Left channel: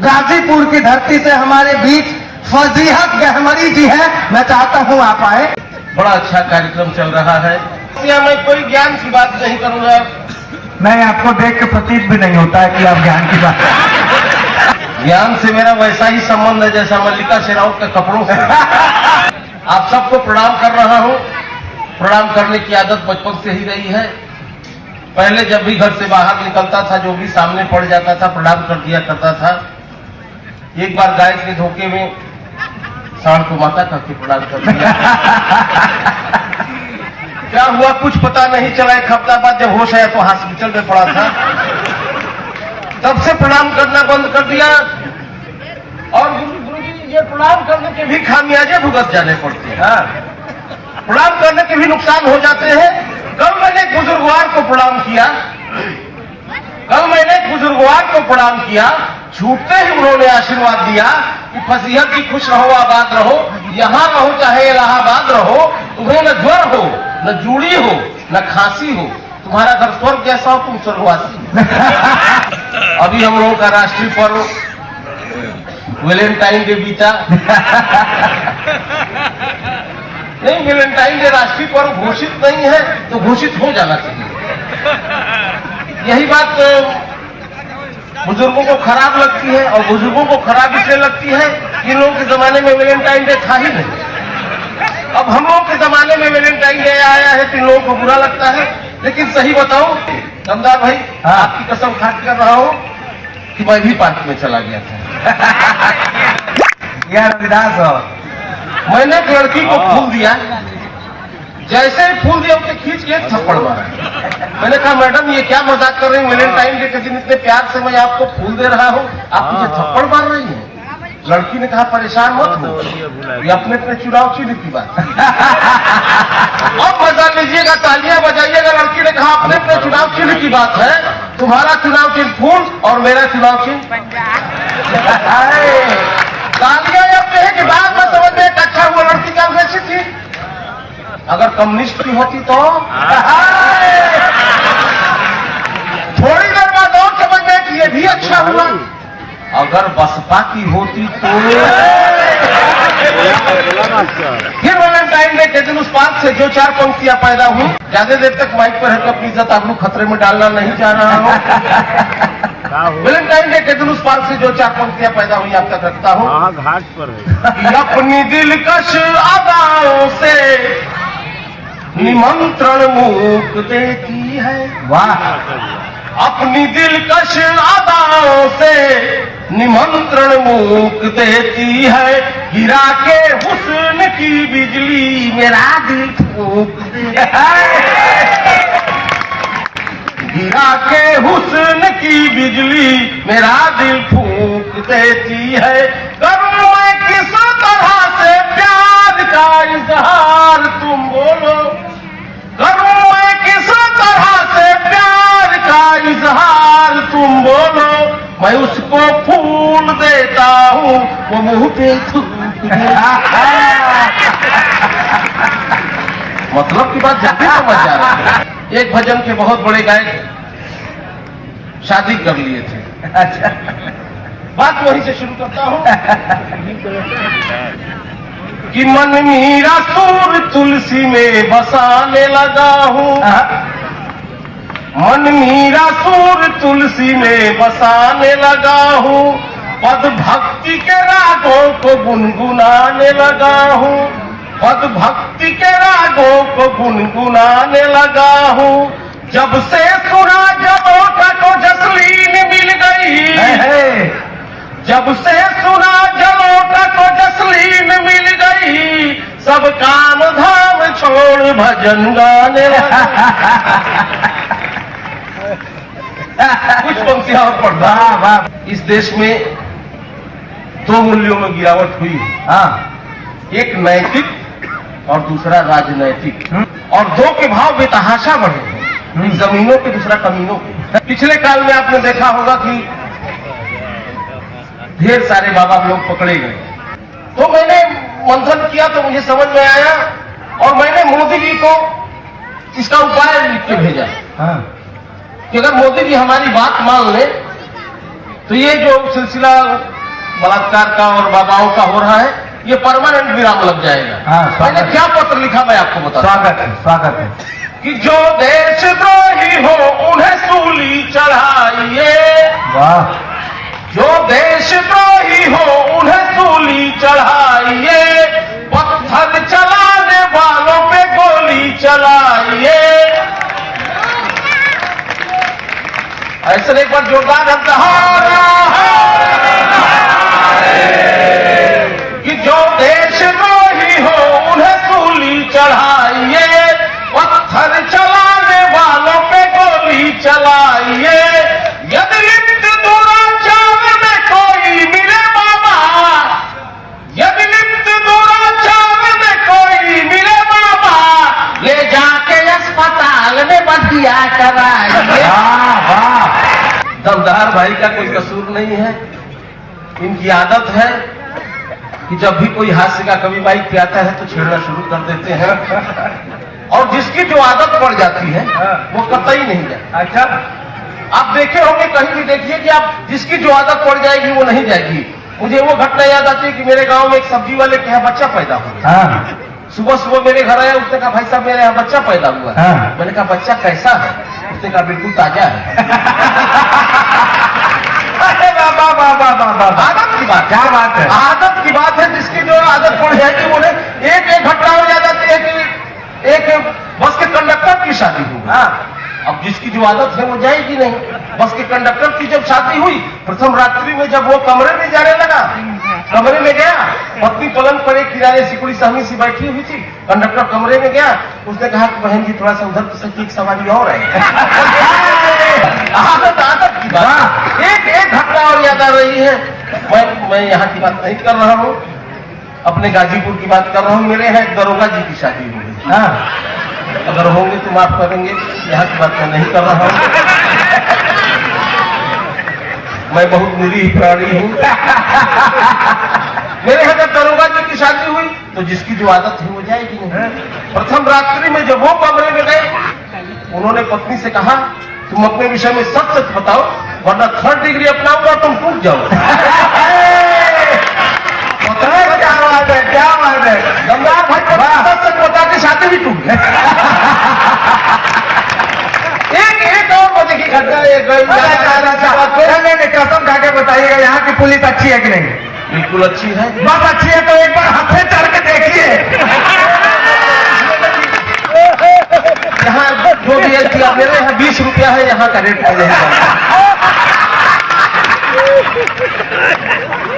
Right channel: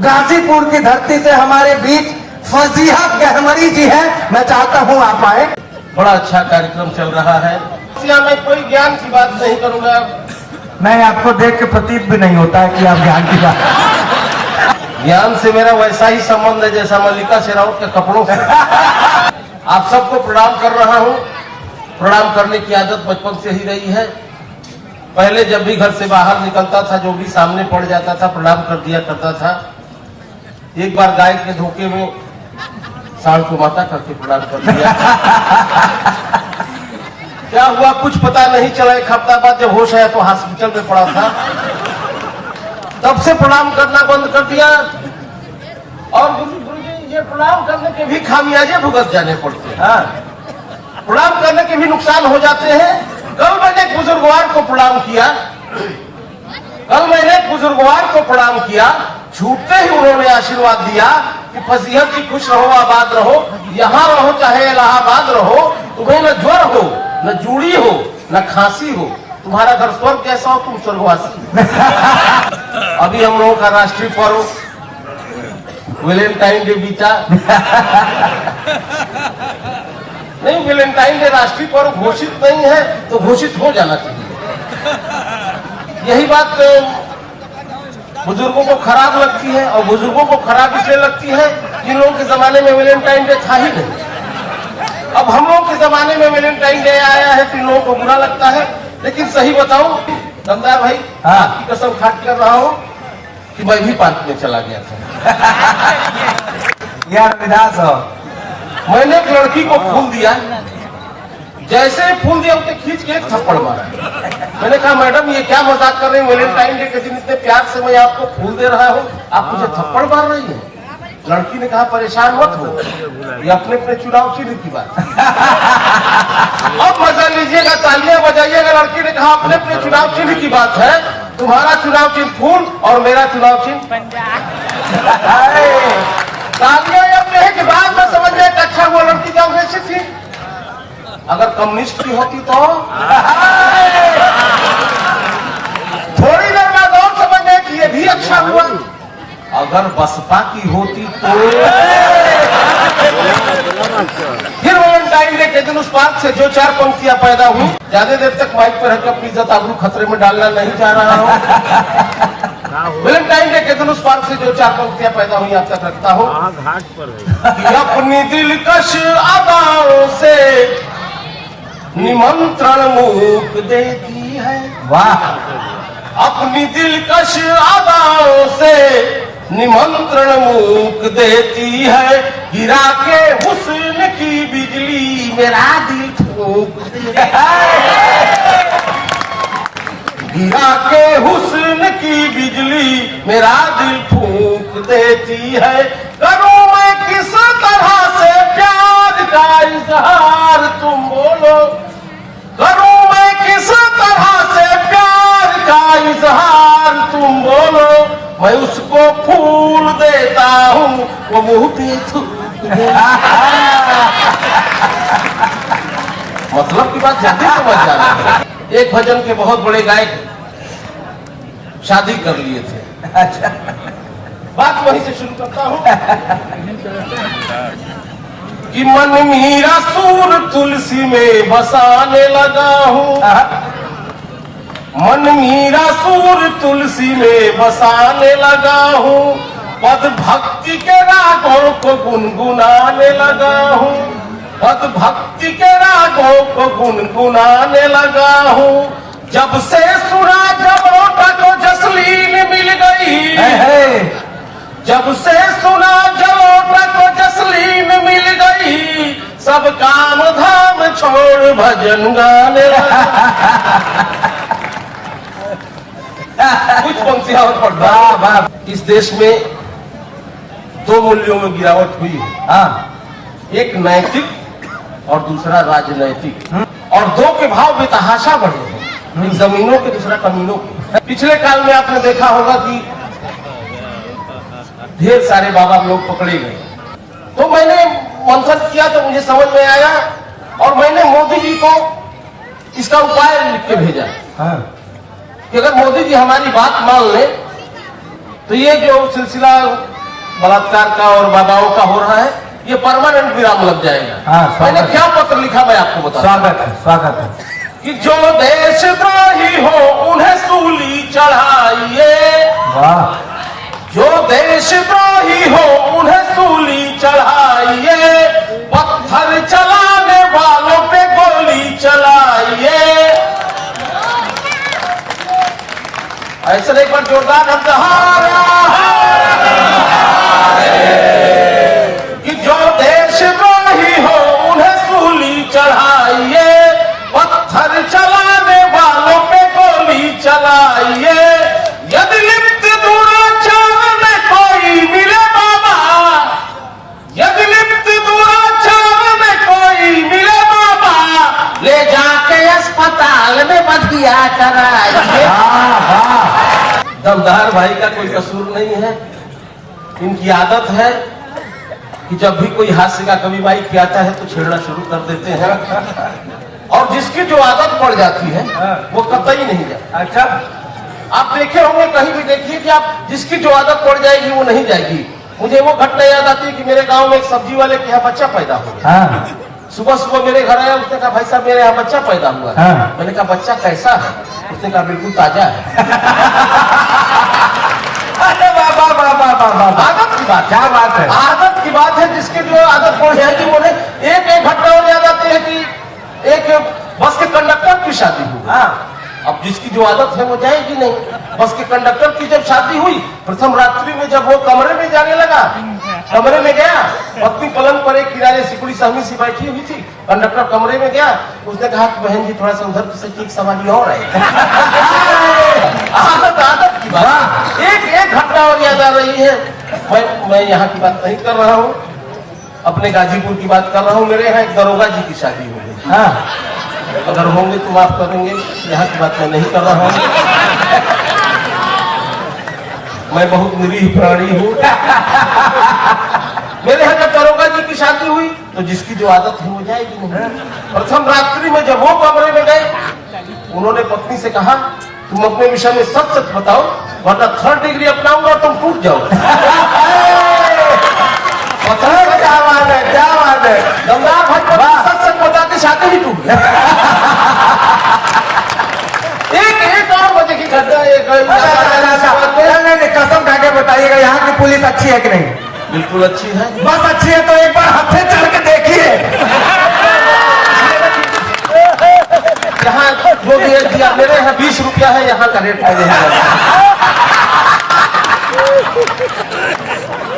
गाजीपुर की धरती से हमारे बीच फजीहत गहमरी जी है, मैं चाहता हूँ आप आए। बड़ा अच्छा कार्यक्रम चल रहा है। मैं कोई ज्ञान की बात नहीं करूंगा। नहीं, आपको देख के प्रतीत भी नहीं होता है कि आप ज्ञान की बात। ज्ञान से मेरा वैसा ही संबंध है जैसा मल्लिका शेरावत के कपड़ों से। आप सबको प्रणाम कर रहा हूँ। प्रणाम करने की आदत बचपन से ही रही है। पहले जब भी घर से बाहर निकलता था, जो भी सामने पड़ जाता था प्रणाम कर दिया करता था। एक बार गाय के धोखे में साउंड को माता करके प्रणाम कर दिया। क्या हुआ कुछ पता नहीं चला। एक हफ्ता बाद जब होश आया तो हॉस्पिटल में पड़ा था। तब से प्रणाम करना बंद कर दिया। और गुरुजी ये प्रणाम करने के भी खामियाजे भुगत जाने पड़ते हैं। प्रणाम करने के भी नुकसान हो जाते हैं। कल मैंने एक बुजुर्गवार को प्रणाम किया। छूटते ही उन्होंने आशीर्वाद दिया कि फजीहत की खुश रहो, आबाद रहो, यहाँ रहो चाहे इलाहाबाद रहो, तुम्हें न ज्वर हो, न जूड़ी हो, न खांसी हो, तुम्हारा घर स्वर्ग जैसा हो, तुम स्वर्गवासी। अभी हम लोगों का राष्ट्रीय पर्व वैलेंटाइन डे बीता। नहीं, वैलेंटाइन डे राष्ट्रीय पर्व घोषित नहीं है तो घोषित हो जाना चाहिए। यही बात तो बुजुर्गों को खराब लगती है, और बुजुर्गों को खराब इसलिए लगती है कि लोगों के जमाने में वैलेंटाइन डे था ही नहीं। अब हम लोग के जमाने में वैलेंटाइन डे आया है तो इन लोगों को बुरा लगता है। लेकिन सही बताऊं दमदार भाई, आपकी कसम खा कर रहा हूं कि मैं भी पार्क में चला गया था। यार विधास हो, मैंने एक लड़की को फूल दिया। जैसे ही फूल दिया उसे खींच के एक थप्पड़ मारा। मैंने कहा मैडम ये क्या मजाक कर रही है, वैलेंटाइन डे के दिन इतने प्यार से मैं आपको फूल दे रहा हूँ, आप मुझे थप्पड़ मार रही हैं। लड़की ने कहा परेशान मत हो, ये अपने अपने चुनाव चिन्ह की बात। अब मजा लीजिएगा, तालियां बजाइएगा। लड़की ने कहा अपने अपने चुनाव चिन्ह की बात है, तुम्हारा चुनाव चिन्ह फूल और मेरा चुनाव चिन्ह। तालियां अपने है कि बाद में समझ में अच्छा हुआ लड़की का वैसी थी। अगर कम्युनिस्ट की होती तो थोड़ी देर बाद और समझ में कि ये भी अच्छा हुआ। अगर बसपा की होती तो फिर वैलेंटाइन डे के दिन उस पार्क से जो 4 पंक्तियां पैदा हुई, ज्यादा देर तक माइक पर है कि अपनी इज्जत आबरू खतरे में डालना नहीं चाह रहा हूँ। वैलेंटाइन डे के दिन उस पार्क से जो 4 पंक्तियां पैदा हुई आप तक रखता हूँ कि अपनी दिलकश अदाओं से निमंत्रण मूक देती है। वाह। अपनी दिलकश अदाओं से निमंत्रण मूक देती है। गिरा के हुस्न की बिजली मेरा दिल ठोक देती है। गिरा के हुस्न की बिजली मेरा दिल ठोक देती है। करूं मैं किस तरह से प्यार का इजहार तुम बोलो, करूं मैं किस तरह से प्यार का इजहार तुम बोलो। मैं उसको फूल देता हूँ, वो मुंह पे थूक देता। मतलब की बात जल्दी समझ जाती। एक भजन के बहुत बड़े गायक शादी कर लिए थे। अच्छा, बात वहीं से शुरू करता हूँ कि मन मीरा सूर तुलसी में बसाने लगा हूँ। मन मीरा सूर तुलसी में बसाने लगा हूँ। पद भक्ति के रागों को गुनगुनाने लगा हूँ। पद भक्ति के रागों को गुनगुनाने लगा हूँ। जब से सुना जबोटा को जसलीन मिल गई, जब से सुना जबोटा को जसलीन मिल गई, सब काम धाम छोड़ भजन गाने लगा। कुछ पंक्तियां और पढ़ना। इस देश में 2 मूल्यों में गिरावट हुई है। एक नैतिक और दूसरा राजनैतिक, और 2 के भाव बेतहाशा बढ़े हैं। एक जमीनों के, दूसरा कमीनों के। पिछले काल में आपने देखा होगा कि ढेर सारे बाबा लोग पकड़े गए। तो मैंने मंथन किया तो मुझे समझ में आया, और मैंने मोदी जी को इसका उपाय लिख के भेजा कि अगर मोदी जी हमारी बात मान ले तो ये जो सिलसिला बलात्कार का और बाबाओं का हो रहा है, ये परमानेंट विराम लग जाएगा। हाँ, मैंने क्या पत्र लिखा मैं आपको बता, स्वागत है कि जो देशद्रोही हो उन्हें सूली चढ़ाइए, वाह, जो देशद्रोही हो उन्हें सूली चढ़ाइए, पत्थर चलाने वालों पे गोली चलाइए। ऐसे एक बार जोरदार कि जो देशद्रोही हो उन्हें सूली चढ़ाइए, पत्थर चलाने वालों पे गोली चलाइए। यदि लिप्त दुराचार में कोई मिले बाबा, यदि लिप्त दुराचार में कोई मिले बाबा, ले जाके अस्पताल में बधिया कराइए। दमदार भाई का कोई कसूर नहीं है, इनकी आदत है कि जब भी कोई हास्य का कवि माइक पे आता है तो छेड़ना शुरू कर देते हैं, और जिसकी जो आदत पड़ जाती है वो कतई नहीं जाए। अच्छा, आप देखे होंगे, कहीं भी देखिए कि आप जिसकी जो आदत पड़ जाएगी वो नहीं जाएगी। मुझे वो घटना याद आती है कि मेरे गांव में एक सब्जी वाले के यहाँ बच्चा पैदा हो गया। सुबह सुबह मेरे घर आया, उसने कहा भाई साहब मेरे यहाँ बच्चा पैदा हुआ है। मैंने कहा बच्चा कैसा है? उसने कहा बिल्कुल ताजा है। आदत की बात, क्या बात है, आदत की बात है। जिसकी जो आदत पड़ जाएगी वो नहीं। एक घटना और याद आती है कि एक बस के कंडक्टर की शादी हुई। अब जिसकी जो आदत है वो जाएगी नहीं। बस के कंडक्टर की जब शादी हुई, प्रथम रात्रि में जब वो कमरे में जाने लगा, कमरे में गया, पत्नी पलंग पर एक किनारे सिकुड़ी सहमी सी बैठी हुई थी। कंडक्टर कमरे में गया, उसने कहा बहन जी थोड़ा सा उधर की एक सवारी और है। आदत की बात। एक घटना और याद आ रही है। मैं यहाँ की बात नहीं कर रहा हूँ, अपने गाजीपुर की बात कर रहा हूँ। मेरे यहाँ एक दरोगा जी की शादी हुई। अगर होंगे तो माफ करेंगे, यहाँ की बात मैं नहीं कर रहा हूँ। मैं बहुत निरीह प्राणी हूँ। मेरे यहाँ जब दरोगा जी की शादी हुई तो जिसकी जो आदत है वो जाएगी नहीं। प्रथम रात्रि में जब वो कमरे में गए, उन्होंने पत्नी से कहा तुम अपने विषय में सच सच बताओ, वरना 3rd डिग्री अपनाऊंगा तुम टूट जाओ। क्या बात है गंगार भाई, सच सच बता के शादी ही टूट गई। एक और मजे की घटना नहीं, कसम खा के बताइएगा यहाँ की पुलिस अच्छी है कि नहीं? बिल्कुल अच्छी है। बस अच्छी है तो एक बार हथे चढ़ के देखिए। यहाँ जो भी दिया, मेरे यहाँ 20 रुपया है, यहाँ का रेट है।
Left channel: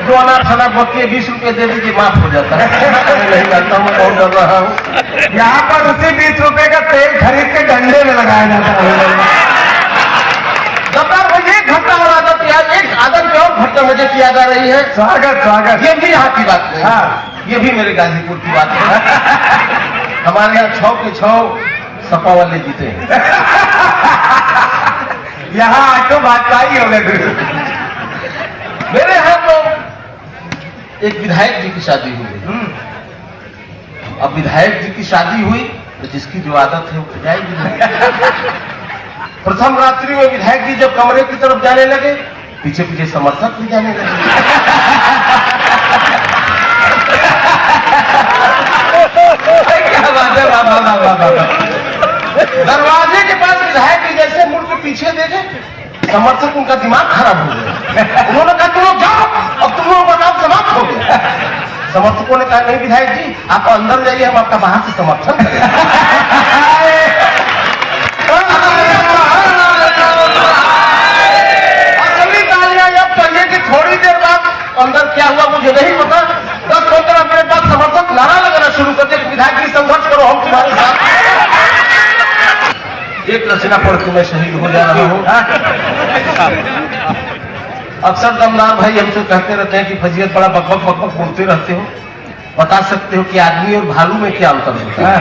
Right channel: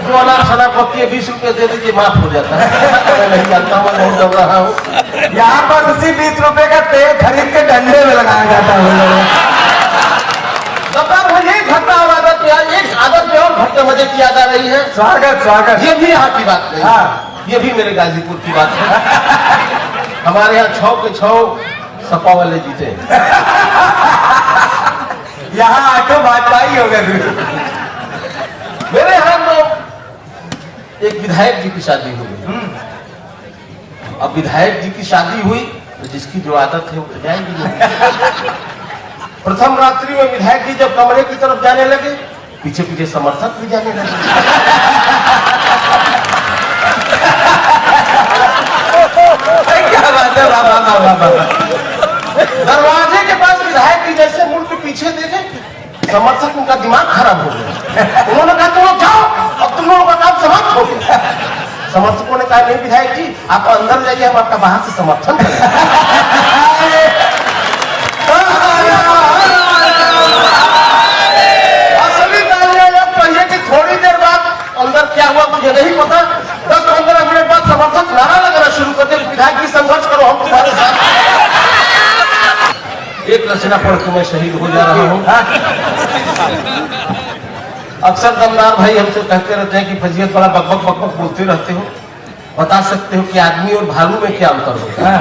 जो अनार शनार बक्के 20 रुपये दे दीजिए, माफ हो जाता है। मैं नहीं जानता, मैं बहुत डर रहा हूँ। यहाँ पर उसी 20 रुपए का तेल खरीद के डंडे में लगाया जाता है। एक घटना और आदत याद, एक आदत में और घटना मजे की याद आ रही है। स्वागत। ये भी यहाँ की बात नहीं, ये भी मेरे गाजीपुर की बात है। हमारे यहाँ 6 के 6 सपा वाले जीते। यहाँ आटो भाजपा ही हो गए। मेरे यहाँ तो एक विधायक जी की शादी हुई। अब विधायक जी की शादी हुई तो जिसकी जो आदत है वो जाएगी नहीं। प्रथम रात्रि में विधायक जी जब कमरे की तरफ जाने लगे, पीछे पीछे समर्थक भी जाने लगे। क्या बात है, दरवाजे के पास विधायक जी जैसे मुड़ के पीछे देखे, समर्थक उनका दिमाग खराब हो गया। उन्होंने कहा तुम लोग जाओ, अब तुम लोगों का काम समाप्त हो गया। समर्थकों ने कहा नहीं विधायक जी आप अंदर जाइए, हम आपका बाहर से समर्थन करेंगे। असली गालियां जब पहिए की थोड़ी देर बाद अंदर क्या हुआ मुझे नहीं पता। 10-15 मिनट बाद समर्थक नारा लगाना शुरू कर दिया, विधायक जी संघर्ष करो, हम तुम्हारे साथ। एक रचना पढ़ के मैं शहीद हो जा रहा हूँ। अक्सर दमदार भाई हमसे कहते रहते हैं कि फजीयत बड़ा बकबक बोलते रहते हो, बता सकते हो कि आदमी और भालू में क्या अंतर होता है?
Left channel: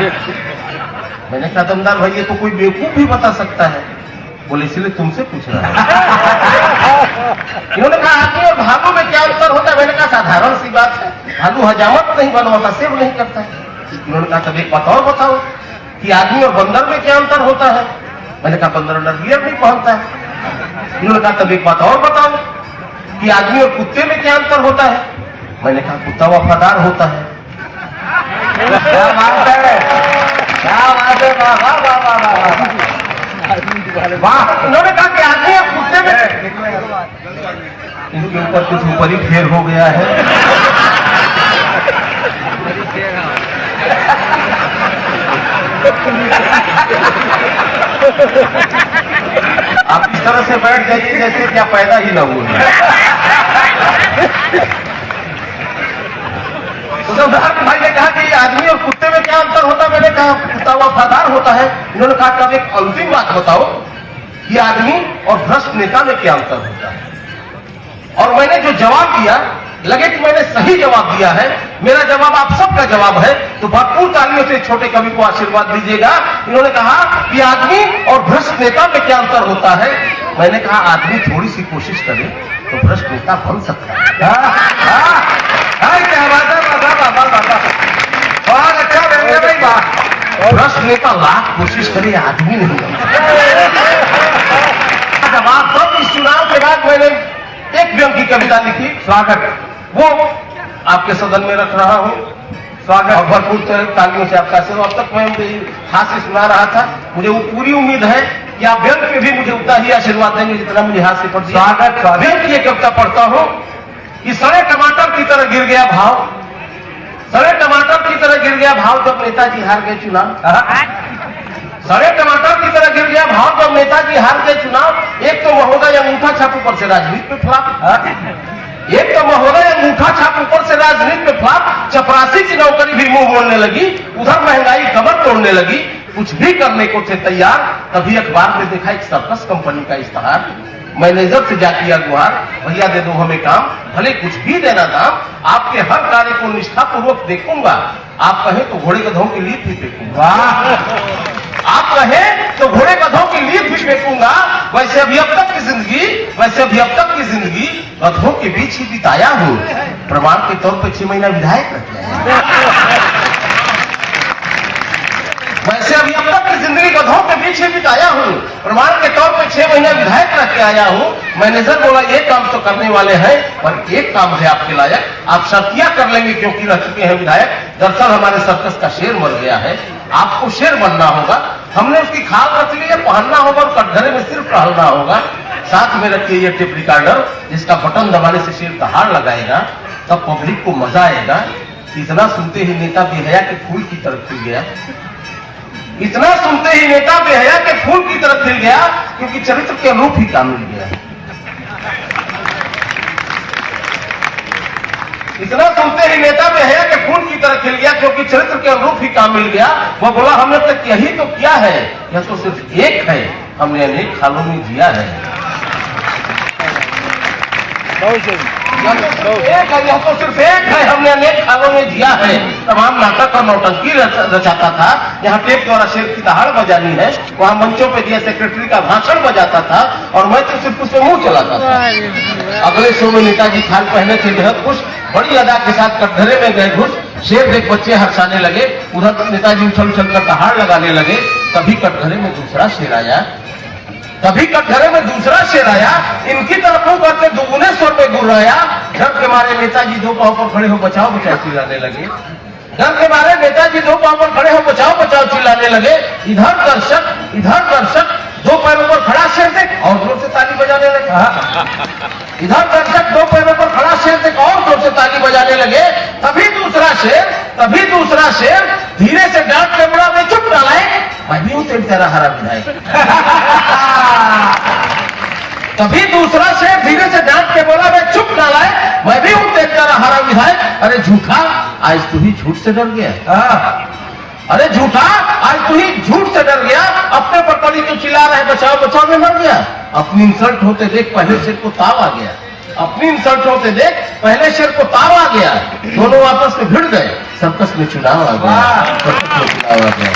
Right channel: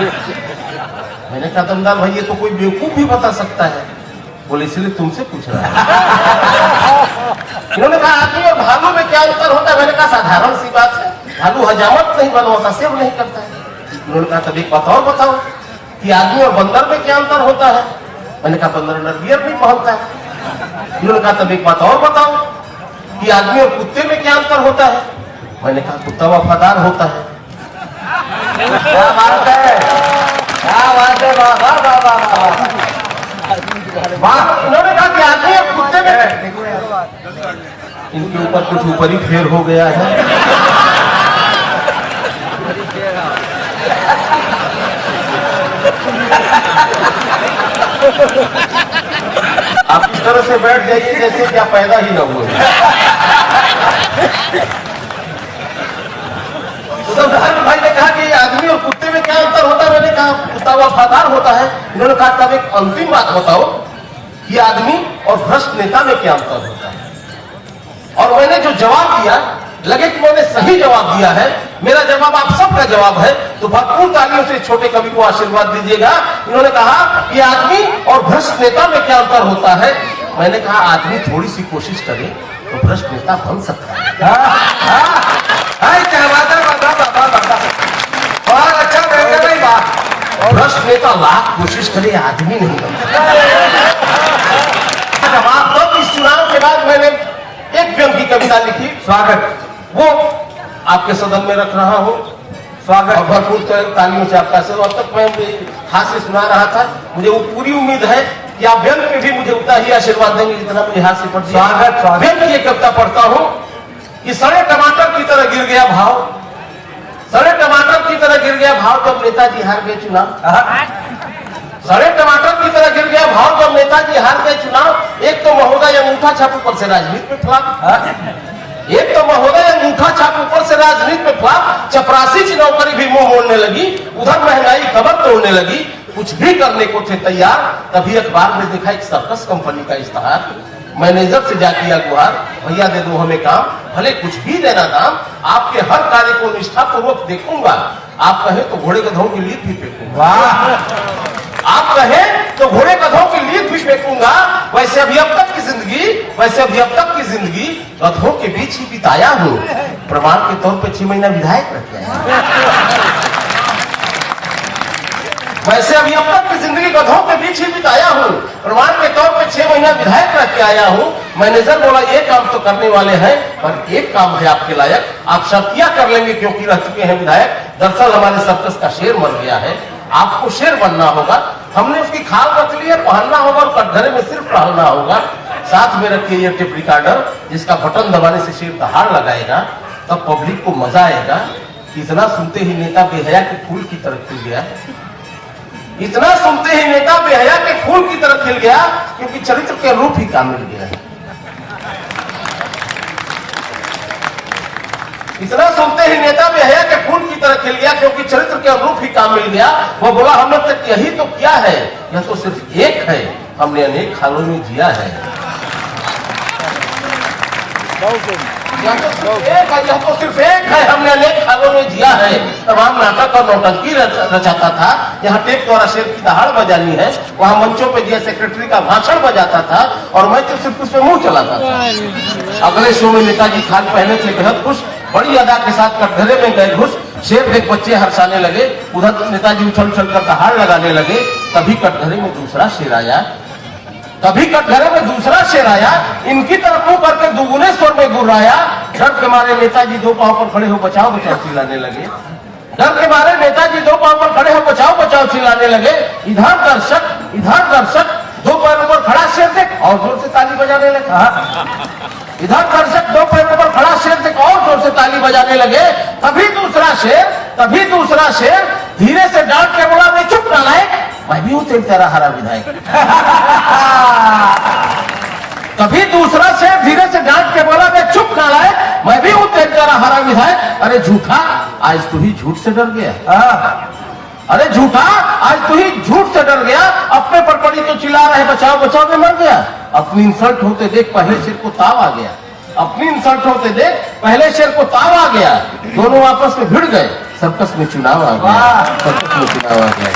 मैंने कहा दमदार भाई ये तो कोई बेवकूफ भी बता सकता है। बोले इसलिए तुमसे पूछ रहा है। इन्होंने कहा आदमी और भालू में क्या अंतर होता है? मैंने कहा साधारण सी बात है, भालू हजामत नहीं बनवाता, सेव नहीं करता है। इन्होंने कहा तब एक बात और बताओ कि आदमी और बंदर में क्या अंतर होता है? मैंने कहा बंदर अंडरवियर नहीं पहनता है। इन्होंने कहा तब एक बात और बताओ कि आदमी और कुत्ते में क्या अंतर होता है? मैंने कहा कुत्ता वफादार होता है। क्या बात है, क्या बात है, वाह वाह वाह वाह वाह। उन्होंने कहा कि आदमी और कुत्ते में, इनके ऊपर कुछ ऊपर ही फेर हो गया है। आप इस तरह से बैठ जाइए जैसे क्या पैदा ही न हुए। उद्धव भाई ने कहा कि आदमी और कुत्ते में क्या अंतर होता है? मैंने कहा कुत्ता वफादार होता है। उन्होंने कहा तब एक अंतिम बात बताओ कि आदमी और भ्रष्ट नेता में क्या अंतर होता है? और मैंने जो जवाब दिया, लगे कि मैंने सही जवाब दिया है। मेरा जवाब आप सबका जवाब है, तो भरपूर तालियों से छोटे कवि को आशीर्वाद दीजिएगा। उन्होंने कहा कि आदमी और भ्रष्ट नेता में क्या अंतर होता है? मैंने कहा आदमी थोड़ी सी कोशिश करे तो भ्रष्ट नेता बन सकता है। क्या बात है, बहुत अच्छा व्यंग्य भाई, वाह। भ्रष्ट नेता लाख कोशिश करे, आदमी नहीं बनता। जवाब तब इस चुनाव के बाद मैंने एक व्यंग की कविता लिखी, स्वागत, वो आपके सदन में रख रहा हूँ। स्वागत। और भरपूर तालियों से आपका से अब तक मैं हास्य सुना रहा था। मुझे वो पूरी उम्मीद है कि आप व्यंग पे भी मुझे उतना ही आशीर्वाद देंगे जितना मुझे हास्य पर दिया। स्वागत, स्वागत। व्यंग की एक कविता पढ़ता हूँ कि सड़े टमाटर की तरह गिर गया भाव, सड़े टमाटर की तरह गिर गया भाव जब नेताजी हार गए चुनाव। सड़े टमाटर की तरह गिर गया भाव जब नेताजी हार गए चुनाव। एक तो महोदय अंगूठा छाप ऊपर से राजनीति में फ्लॉप, एक तो महोदय अंगूठा छाप ऊपर से राजनीति में फ्लॉप। चपरासी की नौकरी भी मुंह मोड़ने लगी, उधर महंगाई कमर तोड़ने लगी। कुछ भी करने को थे तैयार, तभी अखबार में देखा एक सर्कस कंपनी का इश्तेहार। मैनेजर से जा किया गुहार, भैया दे दो हमें काम, भले कुछ भी देना दाम। आपके हर कार्य को निष्ठा पूर्वक देखूंगा, आप कहे तो घोड़े गधों की लीद भी फेंकूंगा। आप कहें तो घोड़े गधों की लीद भी फेंकूंगा। वैसे अभी अब तक की जिंदगी, वैसे अभी अब तक की जिंदगी गधों के बीच ही बिताया हूँ। प्रमाण के तौर पर 6 महीना विधायक रह गया। वैसे अभी अब तक की जिंदगी गधों के बीच ही बिताया हूँ। प्रमाण के तौर पर 6 महीना विधायक रह के आया हूँ। मैनेजर बोला ये काम तो करने वाले हैं, पर एक काम है आपके लायक, आप शर्तियां कर लेंगे क्योंकि रह चुके हैं विधायक। दरअसल हमारे सर्कस का शेर बन गया है, आपको शेर बनना होगा। हमने उसकी खाल रख ली है, पहनना होगा और कटघरे में सिर्फ टहलना होगा। साथ में रखिए ये टेप रिकॉर्डर, जिसका बटन दबाने से शेर दहाड़ लगाएगा, तब पब्लिक को मजा आएगा। इतना सुनते ही नेता बेहया के फूल की तरफ खिल गया, इतना सुनते ही नेता बेहया के फूल की तरफ खिल गया, क्योंकि चरित्र के रूप ही का मिल गया। इतना सुनते ही नेता बेहया के फूल की तरह खिल गया, क्योंकि चरित्र के अनुरूप ही काम मिल गया। वो बोला हमने तक यही तो किया है, यह तो सिर्फ एक है, हमने अनेक खालों में जिया है। यह तो सिर्फ एक है, हमने अनेक खालों में जिया है। तमाम नाटक और नौटंकी रचाता था। यहाँ टेप द्वारा शेर की दहाड़ बजानी है, वहाँ मंचों पे दिया सेक्रेटरी का भाषण बजाता था, और मैं तो सिर्फ उस पे मुंह चलाता था। अगले शो में नेताजी खान पहने थे बेहद खुश, बड़ी अदा के साथ कटघरे में गए घुस। शेर देख बच्चे हर्षाने लगे, उधर नेताजी उछल उछल कर दहाड़ लगाने लगे। तभी कटघरे में दूसरा शेर आया, तभी कटघरे में दूसरा शेर आया। इनकी तरफ मुंह करके दुगुने स्वर में गुर्राया। डर के मारे नेताजी दो पांव पर खड़े हो बचाओ बचाओ चिल्लाने लगे। डर के मारे नेताजी दो पांव पर खड़े हो बचाओ बचाओ चिल्लाने लगे। इधर दर्शक दो पैरों पर खड़ा शेर देख और जोर से ताली बजाने लगे। इधर दर्शक दो पैरों पर खड़ा शेर देख और जोर से ताली बजाने लगे। तभी दूसरा शेर धीरे से डांट के बोला, मैं चुप ना लाए, मैं भी हूं तेरा हरा विधायक। तभी दूसरा शेर धीरे से डांट के बोला, मैं चुप ना लाए, मैं भी हूं तेरा हरा विधायक। अरे झूठा, आज तू ही झूठ से डर गया। अरे झूठा, आज तू ही झूठ से डर गया। अपने पर पड़ी तो चिल्ला रहे बचाओ बचाओ में मर गया। अपनी इंसल्ट होते देख पहले शेर को ताव आ गया। अपनी इंसल्ट होते देख पहले शेर को ताव आ गया। दोनों आपस में भिड़ गए, सर्कस में चुनाव आ गया। सर्कस में चुनाव आ गया।